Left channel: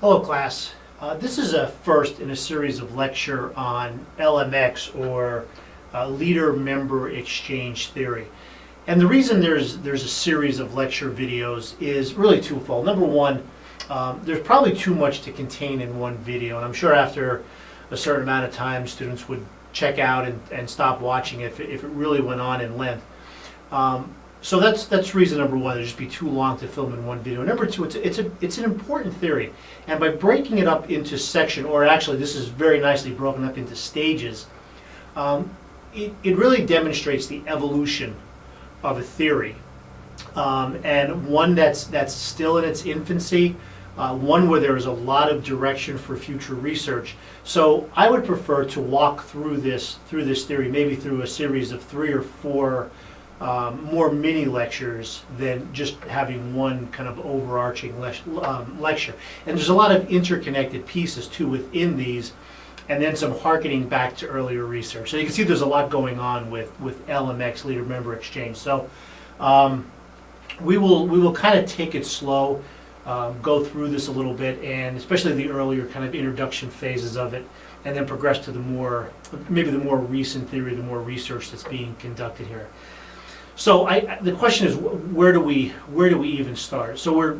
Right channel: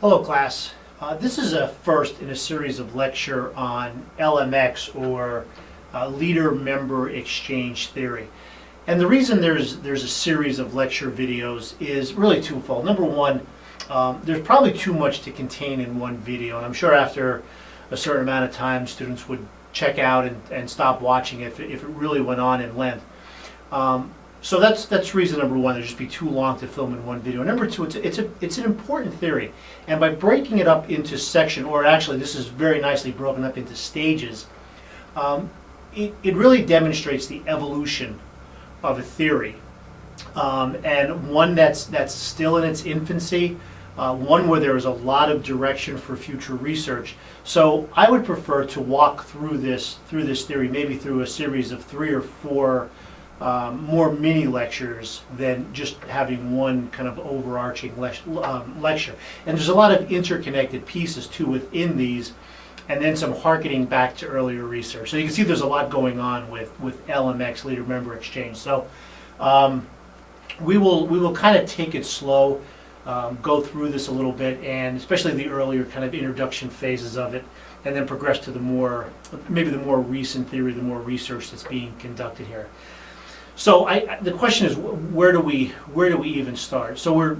Hello class. This is a first in a series of lecture on LMX, or leader-member exchange theory. And the reason there's a series of lecture videos is really twofold. Number one, there's probably too much to contain in one video, and I'm sure after a certain amount of time students would check out and stop watching it if it really went on in length. So that's reason number one. It'd just be too long to film in one video. Number two, it's an important theory, and by breaking it up into section, or actually this is very nicely broken up into stages, it really demonstrates the evolution of a theory, and one that's still in its infancy, one where there is a lot of direction for future research. So I would prefer to walk through this theory, maybe through a series of 3 or 4 more mini lectures than just having one kind of overarching lecture. And there's a lot of interconnected pieces too within these, and then some harkening back to earlier research. So you can see there's a lot going on with LMX, leader-member exchange. So we will kind of take it slow, go through this a little bit, and especially the earlier kind of introduction phases of it, and then progress to maybe the more recent theory, the more research that's being conducted here. So the question is, where do we even start? So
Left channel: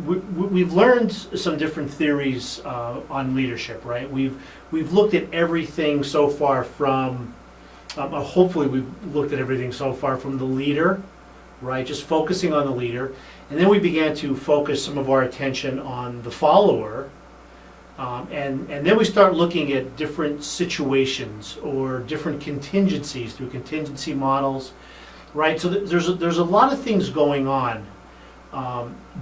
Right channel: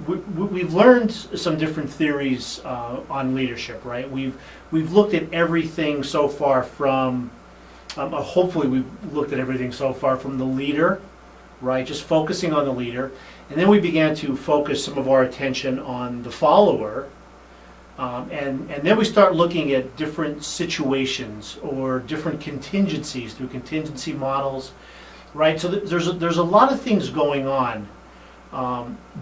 we've learned some different theories on leadership, right? We've looked at everything so far from, hopefully we've looked at everything so far from the leader, right? Just focusing on the leader, and then we began to focus some of our attention on the follower, and then we start looking at different situations or different contingencies through contingency models. Right, so there's a lot of things going on,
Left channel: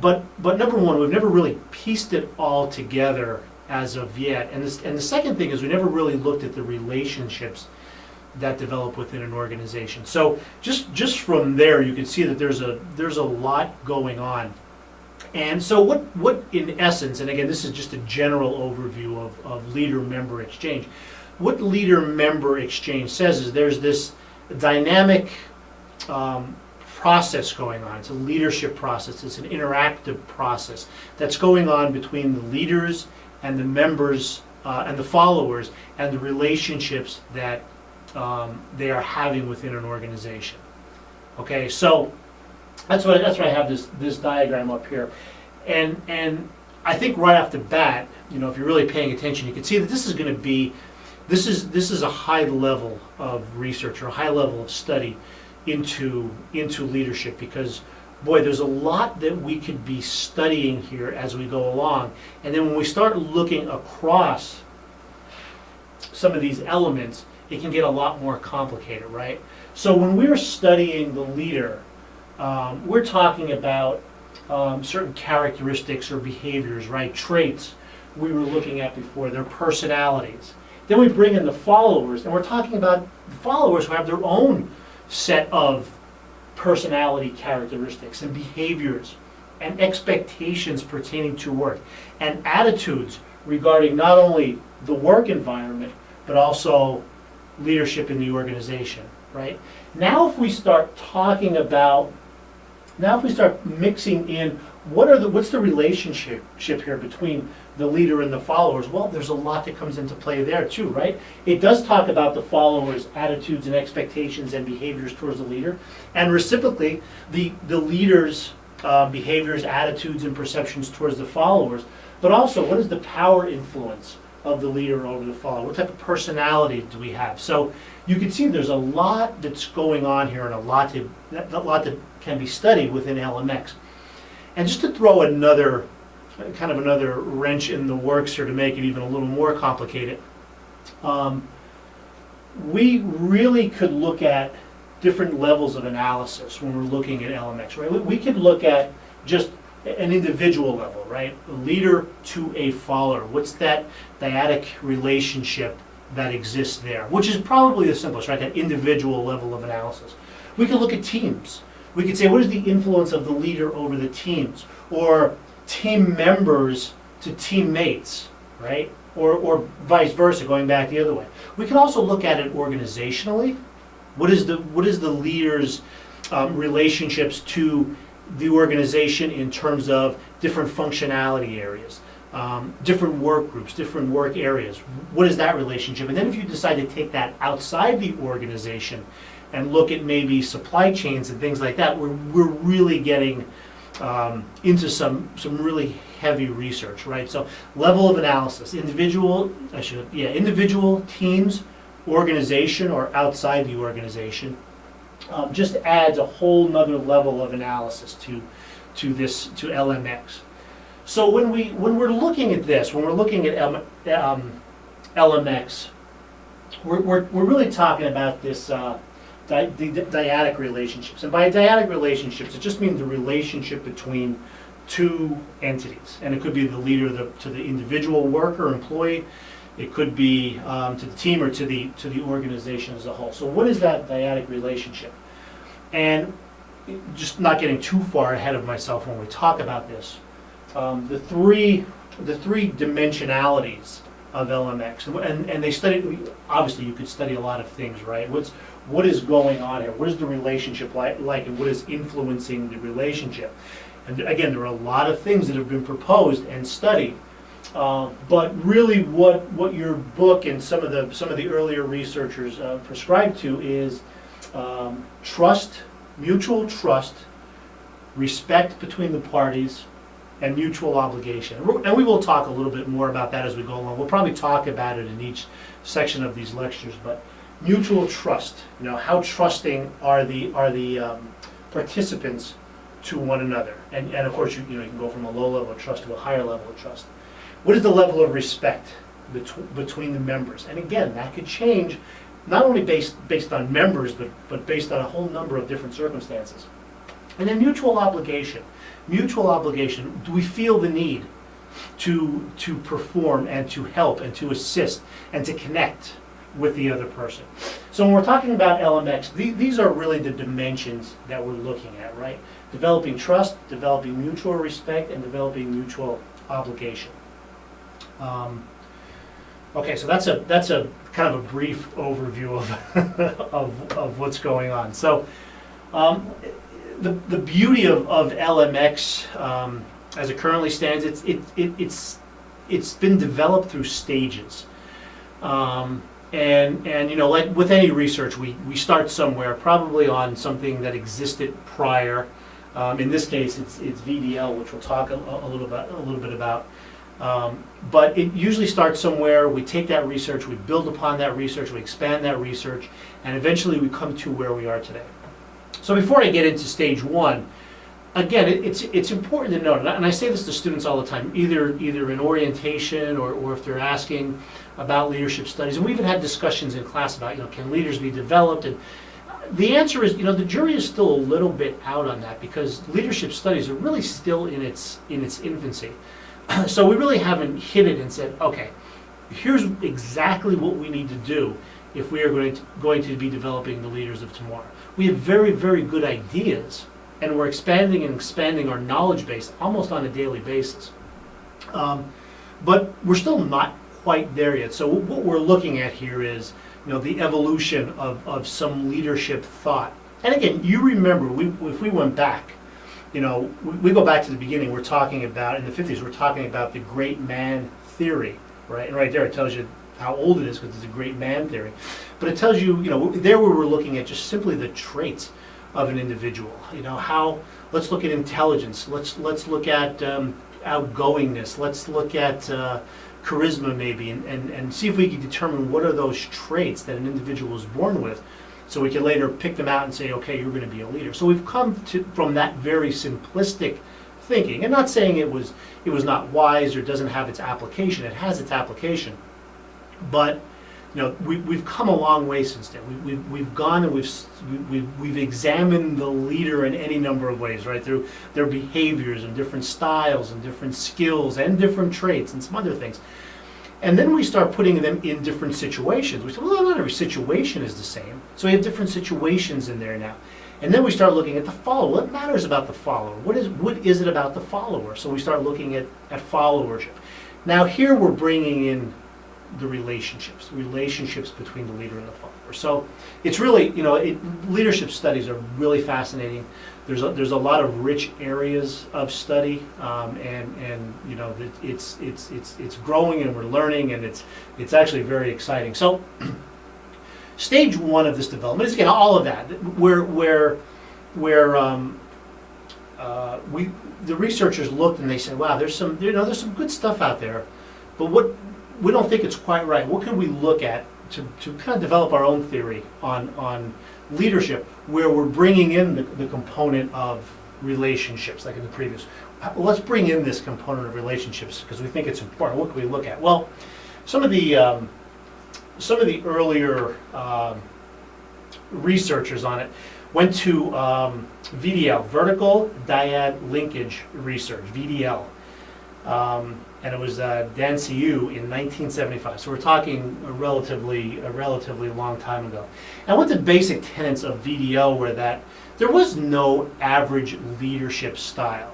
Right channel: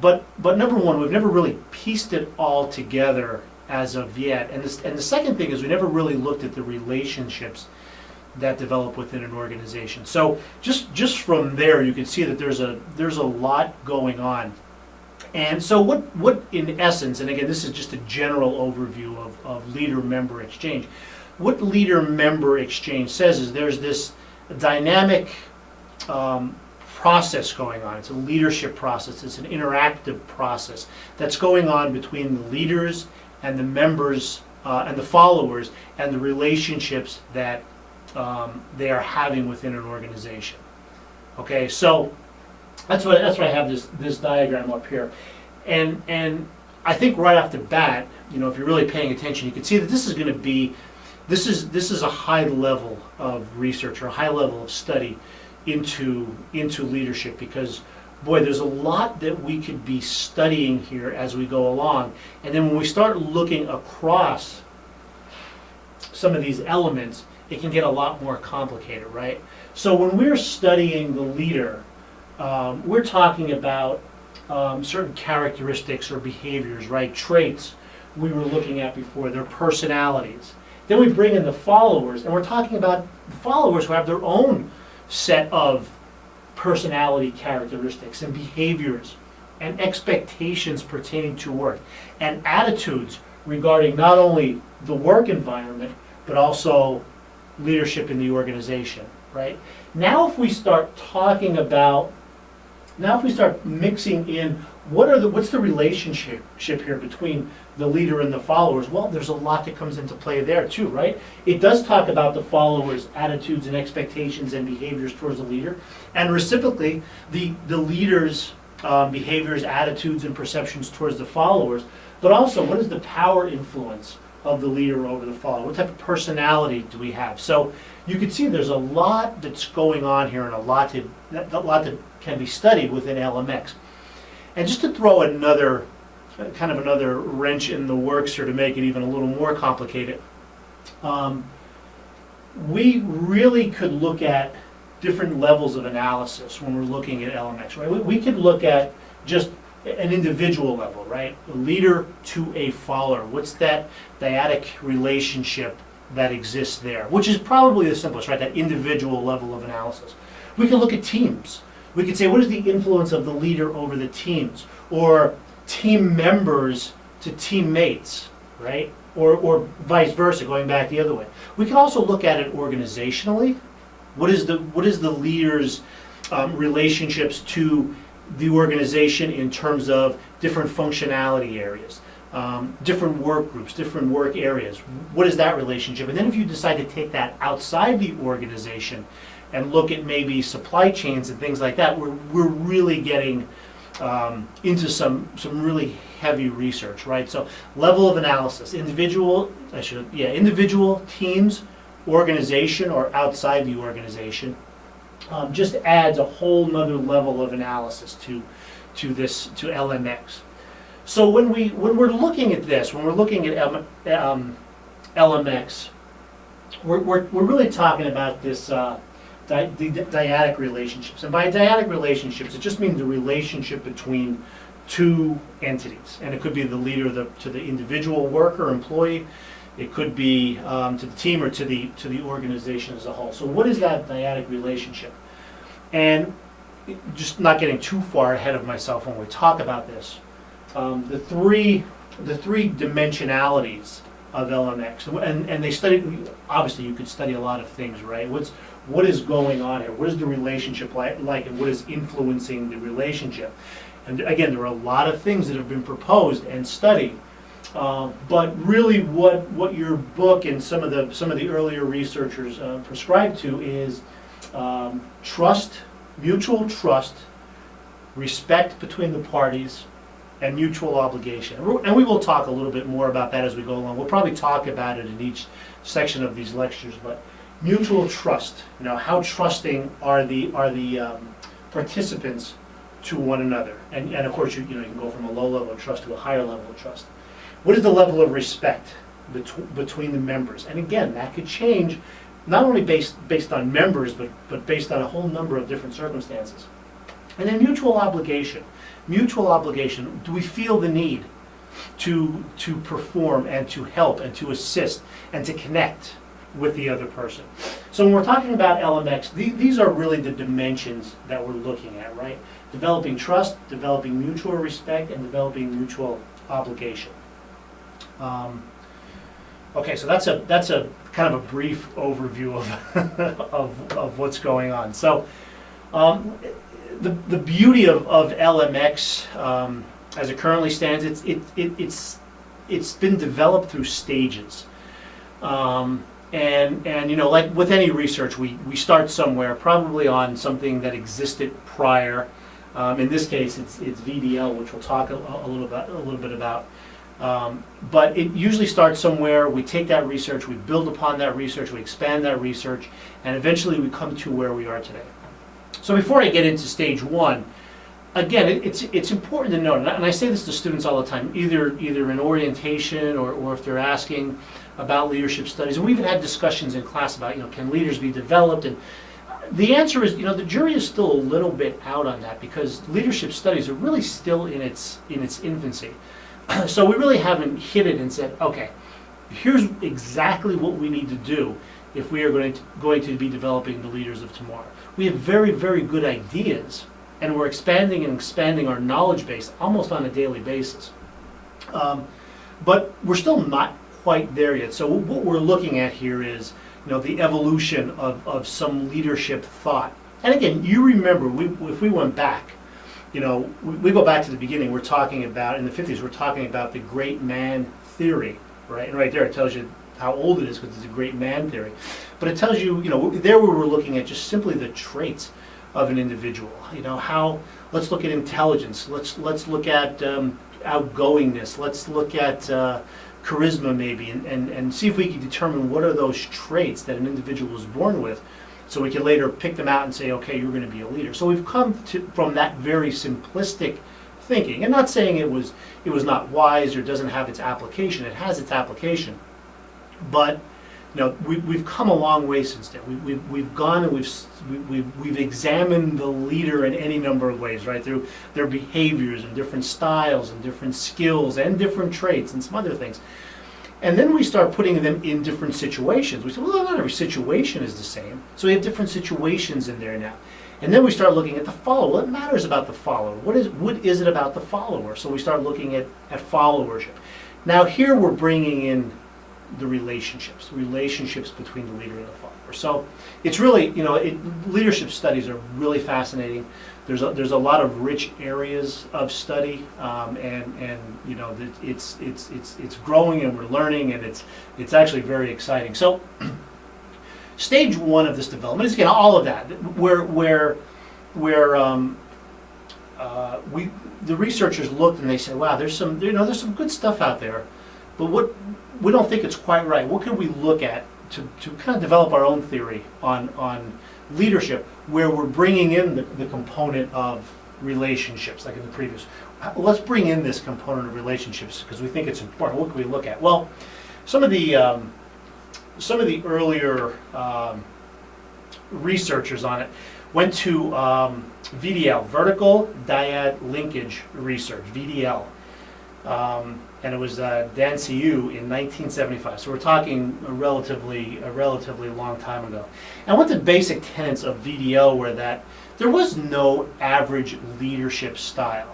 but number one, we've never really pieced it all together as of yet, and the second thing is we never really looked at the relationships that develop within an organization. So just from there, you can see that there's a lot going on, and so what in essence, and again this is just a general overview of leader-member exchange. What leader-member exchange says is there's this dynamic process going on. It's a leadership process. It's an interactive process that's going on between the leaders and the members and the followers, and the relationships that they are having within an organization. Okay, so that's why I have this diagram up here, and I think right off the bat, you know, if you're really paying attention, you can see that this is going to be this is a high level of research or a high level of study into leadership, because boy, there's a lot that we could be studying here as we go along, and then when we start looking across some of these elements, it can get a lot more complicated, right? So when we're studying the leader, we're talking about certain characteristics or behaviors, right? Traits we were looking at before, their personalities. Then we bring in the followers, and we're talking about the followers who have their own set of personality characteristics and behaviors and expectations pertaining to work, and attitudes regarding not only the work environment but also leadership in the organization, right? Now if we start mixing in what's the relationship here between the leader and the followers, well, there's a lot that comes into play there too, right? It does talk about the followers' attitudes and expectations and behaviors towards the leader, and reciprocally, the leader's behaviors, attitudes, and perceptions towards the followers, but also what is the power influence of the leader over the follower? What type of personality do we have? So you can see there's a lot that's going on here, and a lot that can be studied within LMX. And just to throw another wrench in the works here to make it even a little more complicated, we really could look at different levels of analysis when we're looking at LMX, right? We could look at just an individual level, right? A leader to a follower. What's that dyadic relationship that exists there? Which is probably the simplest, right? That individual level of analysis. We could look at teams. We could say, what is the influence of the leader over the teams? Or team members to teammates, right? Or vice versa, going back the other way. We can also look at it organizationally. What is the leader's relationships to the organization in terms of different functionality areas? different work groups, different work areas. What is that relationship? And then if you decide to take that outside the organization and look at maybe supply chains and things like that, we're really getting into some really heavy research, right? So level of analysis, individual, teams, organization, or outside the organization, just adds a whole nother level of analysis to LMX. So when we're looking at this, when we're looking at LMX, we're really talking about this the dyadic relationships. And by dyadic relationships, it just means the relationship between two entities. And it could be the leader to the individual worker, employee. It could be to the team or to the organization as a whole. So what is that dyadic relationship? And just not getting too far ahead of myself when we talk about this, the three dimensionalities of LMX, and they study. Obviously, you could study a lot of things, right? What is going on here? What is the relationship like, and what is influencing the relationship? And again, there are a lot of things that have been proposed and studied, but really, what your book and some of the earlier researchers prescribe to is trust, mutual trust, respect between the parties, and mutual obligation. And we will talk a little bit more about that as we go along. We'll probably talk about it in each section of these lectures, but mutual trust, how trusting are the participants to one another. And of course, you can go from a low level of trust to a higher level of trust. What is the level of respect between the members? And again, that could change not only based on members, but based on a whole number of different circumstances. And then mutual obligation. Mutual obligation, do we feel the need to perform and to help and to assist and to connect with the other person? So when we're talking about LMX, these are really the dimensions that we're looking at, right? Developing trust, developing mutual respect, and developing mutual obligation. Okay, so that's a kind of a brief overview of what's going on. So the beauty of LMX as it currently stands, it's been developed through stages, and like with any research, we start somewhere, probably on something that existed prior. In this case, it's VDL, which we'll talk a little bit about. But it usually starts somewhere. We take that research, we build upon that research, we expand that research, and eventually we come to where we are today. So before I get into stage one, again, it's important to note, and I say this to students all the time, either in orientation or if they're asking about leadership studies, and we've even had discussions in class about, can leaders be developed? And the answer is, the jury is still a little bit out on that, because leadership studies are really still in its infancy. So we really haven't hit it and said, okay, here's exactly what we need to do if we are going to be developing the leaders of tomorrow. We have very, very good ideas, and we're expanding our knowledge base almost on a daily basis. But we're still not quite there yet. So what we're looking at here is, the evolution of some leadership thought. And again, you remember, if we went back, we go back to the beginning, we're talking about, in the 50s, we're talking about the great man theory, right? And right there it tells you how old it is, because it's a great man theory. But it tells you, there we were looking at just simply the traits of an individual. Let's look at intelligence, let's look at outgoingness, let's look at charisma maybe, and see if we can determine what are those traits that an individual is born with, so we can later pick them out and say, okay, you're going to be a leader. So we've come from that very simplistic thinking, and not saying it was not wise or doesn't have its application. It has its application, but we've come a long way since then. We've gone and we've examined the leader in any number of ways, right? Through their behaviors and different styles and different skills and different traits and some other things. And then we start putting them in different situations. We say, well, not every situation is the same. So we have different situations in there now. And then we start looking at the follower. What matters about the follower? What is it about the follower? So we start looking at followership. Now here we're bringing in the relationships between the leader and the follower. So it's really, leadership studies are really fascinating. there's a lot of rich areas of study, and you know, it's growing, and we're learning, and it's actually very exciting. So stage one of this development is, again, all of that, where the researchers looked and they said, wow, there's some good stuff out there, but what we don't think it's quite right. What can we look at to kind of develop our own theory on leadership, where we're bringing in the component of relationships, like in the previous. Let's bring in this component of relationships because we think it's important. What can we look at? Well, some of the earlier researchers on it went to VDL, vertical dyad linkage research, VDL, and it was Danciu in 1975. So we're talking a relatively long time ago. And what the basic tenets of VDL were that there was no average leadership style,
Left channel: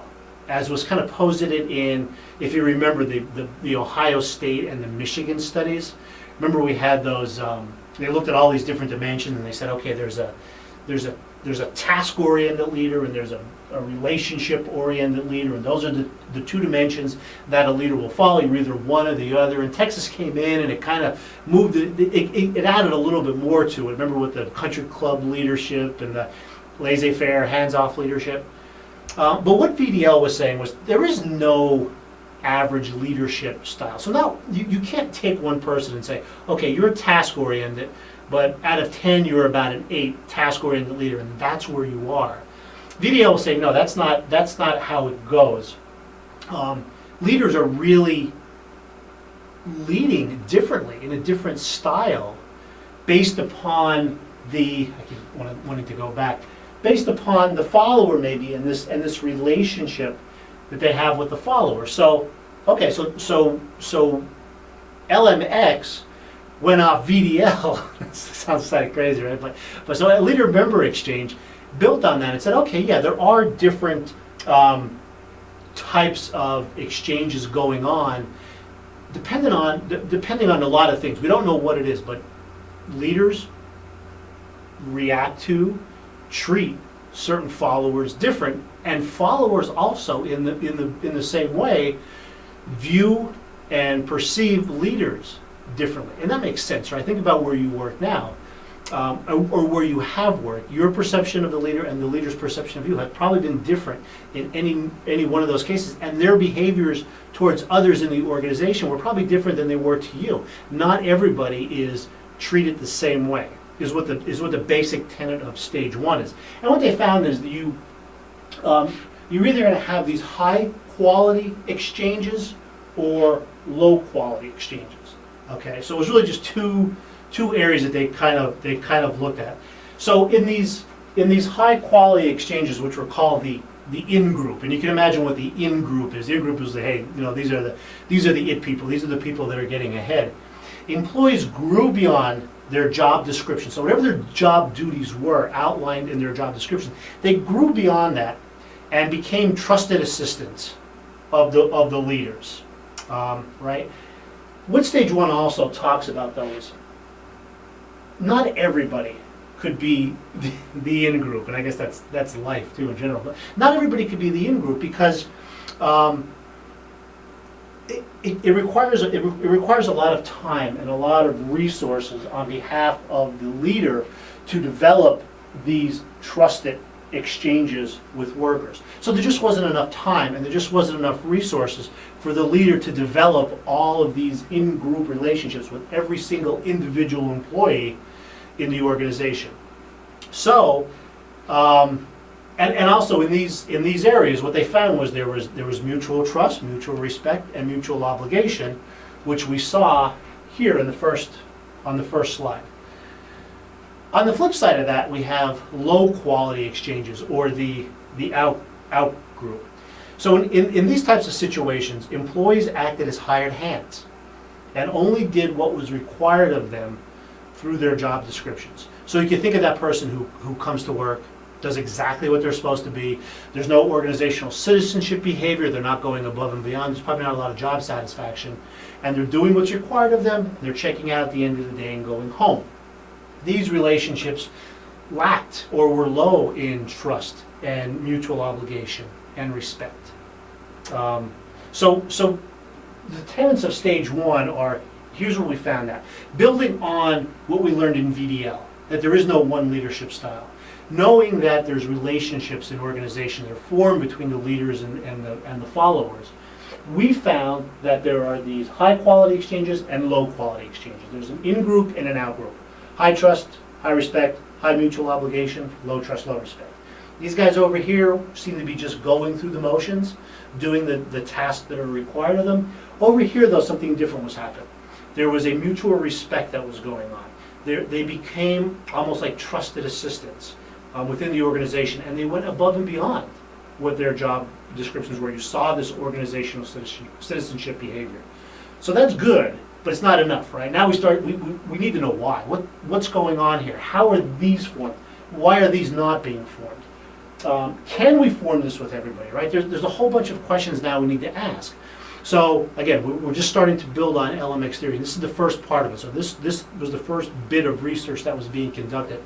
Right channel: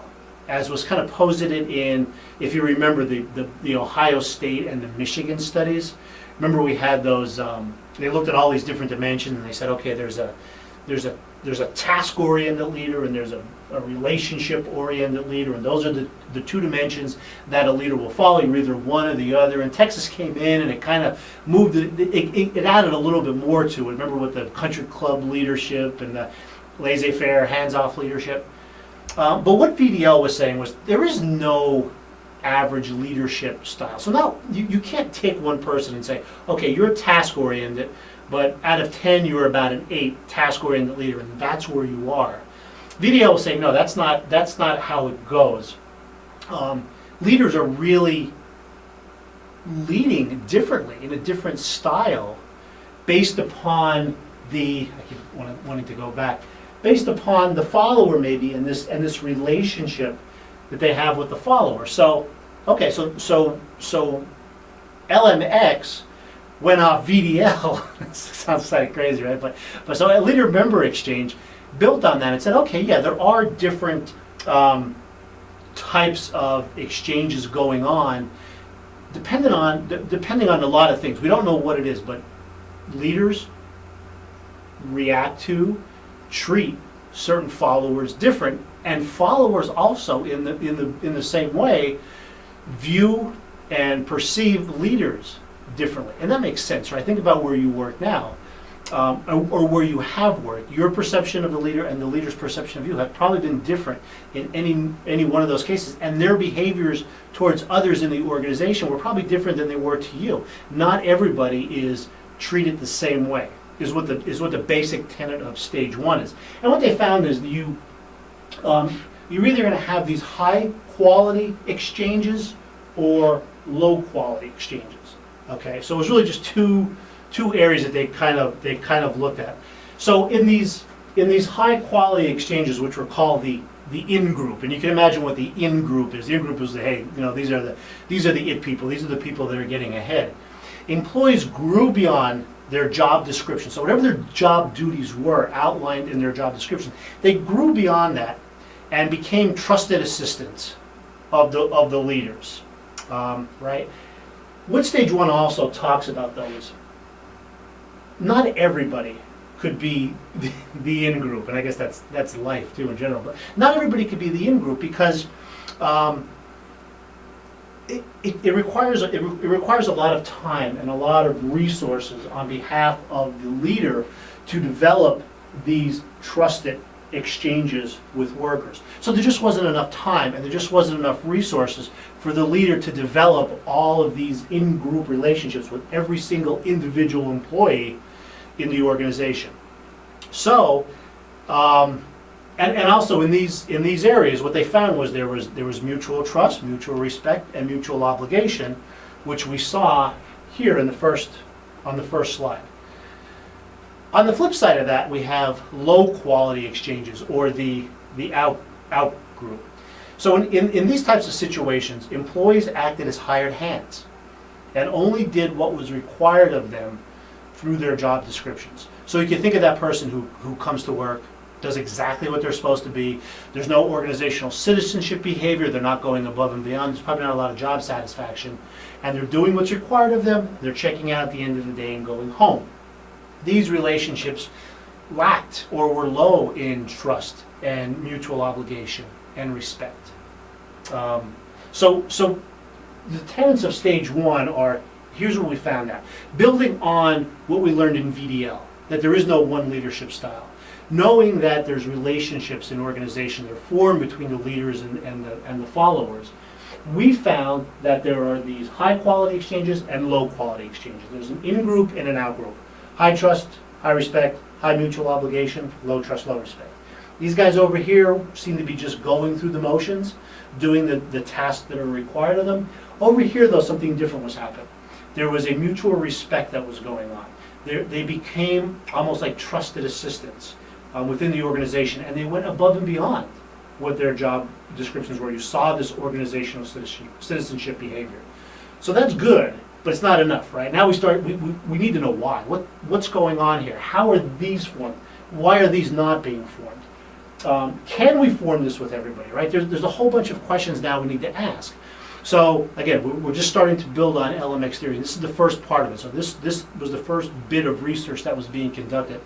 as was kind of posited in, if you remember, the Ohio State and the Michigan studies. Remember, we had those. They looked at all these different dimensions, and they said, okay, there's a task-oriented leader, and there's a relationship-oriented leader, and those are the two dimensions that a leader will follow. You're either one or the other. And Texas came in, and it kind of moved. It added a little bit more to it. Remember, with the country club leadership and the laissez-faire, hands-off leadership. But what VDL was saying was there is no average leadership style. So now you can't take one person and say, okay, you're task-oriented, but out of 10, you're about an 8 task-oriented leader, and that's where you are. VDL was saying, no, that's not how it goes. Leaders are really leading differently, in a different style, based upon I keep wanting to go back, based upon the follower maybe, and this relationship that they have with the follower. So, okay, so LMX went off VDL. Sounds kind of crazy, right? But so a leader-member exchange built on that and said, okay, yeah, there are different types of exchanges going on, depending on a lot of things. We don't know what it is, but leaders react to, treat certain followers different, and followers also in the same way view and perceive leaders differently. And that makes sense, right? Think about where you work now, or where you have worked. Your perception of the leader and the leader's perception of you have probably been different in any one of those cases, and their behaviors towards others in the organization were probably different than they were to you. Not everybody is treated the same way, is what the basic tenet of stage one is. And what they found is that you're either going to have these high quality exchanges or low quality exchanges. Okay, so it was really just two areas that they kind of looked at. So in these high quality exchanges, which were called the in-group, and you can imagine what the in-group is. The in-group is hey, these are the it people. These are the people that are getting ahead. Employees grew beyond their job description. So whatever their job duties were outlined in their job description, they grew beyond that and became trusted assistants of the leaders, right? What stage one also talks about, though, is not everybody could be the in-group, and I guess that's life too in general. But not everybody could be the in-group because it requires a lot of time and a lot of resources on behalf of the leader to develop these trusted exchanges with workers. So there just wasn't enough time, and there just wasn't enough resources for the leader to develop all of these in-group relationships with every single individual employee in the organization. So, and also in these areas, what they found was there was mutual trust, mutual respect, and mutual obligation, which we saw here on the first slide. On the flip side of that, we have low quality exchanges, or the out group. So in these types of situations, employees acted as hired hands and only did what was required of them through their job descriptions. So you can think of that person who comes to work, does exactly what they're supposed to be. There's no organizational citizenship behavior. They're not going above and beyond. There's probably not a lot of job satisfaction. And they're doing what's required of them. They're checking out at the end of the day and going home. These relationships lacked or were low in trust and mutual obligation and respect. So the tenets of stage one are, here's what we found out. Building on what we learned in VDL, that there is no one leadership style. Knowing that there's relationships in organizations that are formed between the leaders and the followers. We found that there are these high quality exchanges and low quality exchanges. There's an in-group and an out-group. High trust, high respect, high mutual obligation, low trust, low respect. These guys over here seem to be just going through the motions, doing the tasks that are required of them. Over here, though, something different was happening. There was a mutual respect that was going on. They became almost like trusted assistants within the organization, and they went above and beyond what their job descriptions were. You saw this organizational citizenship behavior. So that's good, but it's not enough, right? Now we need to know why. What's going on here? How are these formed? Why are these not being formed? Can we form this with everybody, right? There's a whole bunch of questions now we need to ask. So again, we're just starting to build on LMX theory. This is the first part of it. So this was the first bit of research that was being conducted.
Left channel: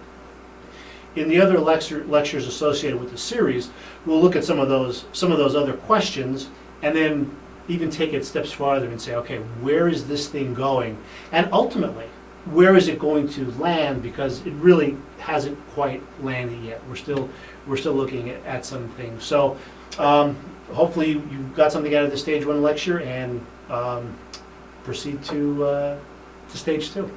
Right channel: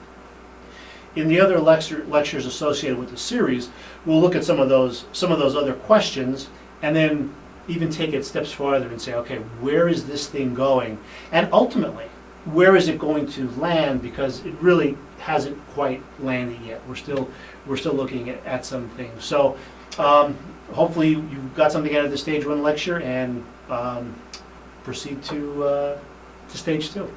In the other lectures associated with the series, we'll look at some of those other questions, and then even take it steps farther and say, okay, where is this thing going? And ultimately, where is it going to land? Because it really hasn't quite landed yet. We're still looking at some things. So hopefully you got something out of the stage one lecture, and proceed to stage two.